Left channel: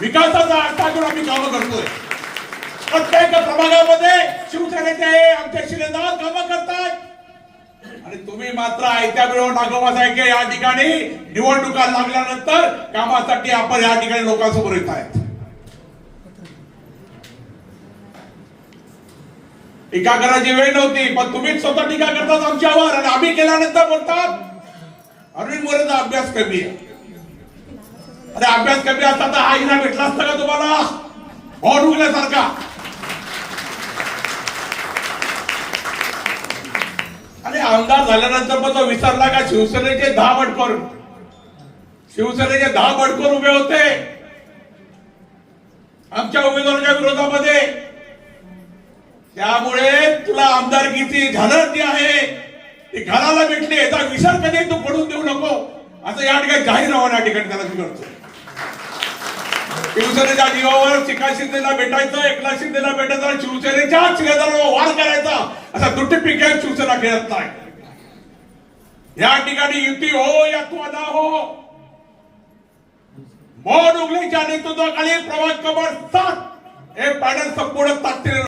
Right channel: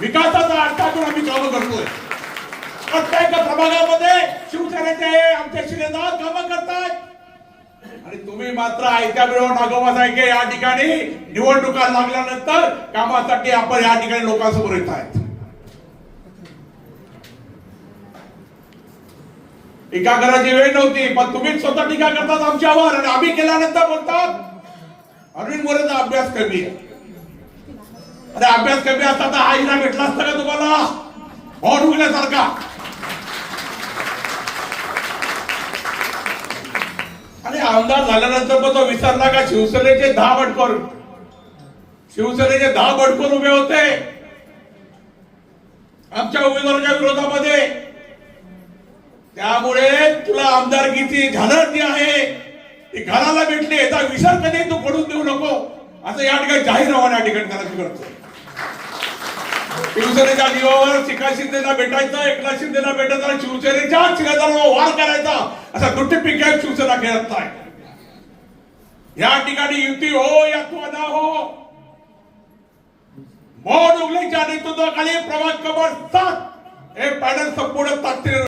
विकासाचा अर्थ करून आम्ही कामं करतोय. प्रत्येक प्रभागामध्ये शिवसेनेचे आमचे शिलेदार कामं करतात. आणि तुम्ही मात्र आयत्या वेळेवर नागोबा साहेब या ठिकाणी निवडणुका लागल्यानंतर कामासाठी आपण या ठिकाणी लोकांसमोर येत आहेत. टीका करायची वेळ नव्हती पण तुम्हीच स्वतः टीका करतात आमच्यावर आणि आम्ही केल्यानंतर बोलतात. अरविंद मोरेचा अभ्यास कमी आहे. अरे अभ्यास कमी असता तर हा हिरा भेटला असता का तुम्हाला? भोट उगल्यासारखा अरे आमदार झाल्यानंतर पण तो विसरला का? शिवसेनेचे दहा बटकोर शिवसेनेचे दहा बटकोर उभे होते. आमच्या उमेदवाराच्या विरोधामध्ये. त्यामुळे तुला आमदारकीची झालर ती आहे. ती घराला भेटली याचा विसर कधी? तू पडून देऊ नको. असं या ठिकाणी जाहीर राहून या ठिकाणी करायचं करतो शिवसेनेच्या जीवावर शिका शिंदेला भेटायचा एकनाथ शिंदेला भेटायचा शिवसेनेच्या शिलेदारावर वार करायचा असा दुट्टी पिक्या शिवसेना खेळत नाही. या ठिकाणी युती हो या ना हो. मोहन उगलेच्या नेतृत्वाखाली प्रभाग क्रमांक सात. हे पॅनल संपूर्ण ताकदीने